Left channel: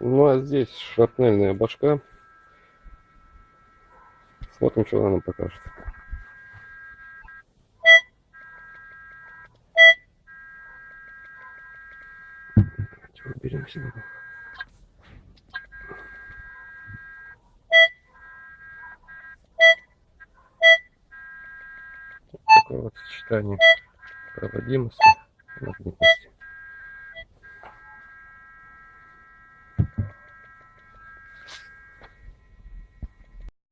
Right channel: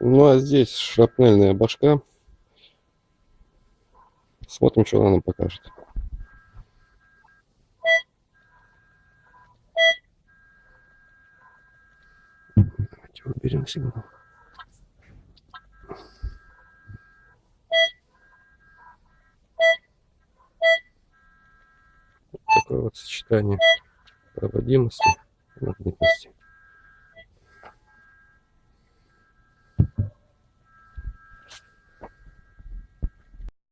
Ну а здесь шрапнельная башка. Смотрим, что она нам покажет. Давайте выберем сигнал. Такое вот сочетание проводимости и магнитности.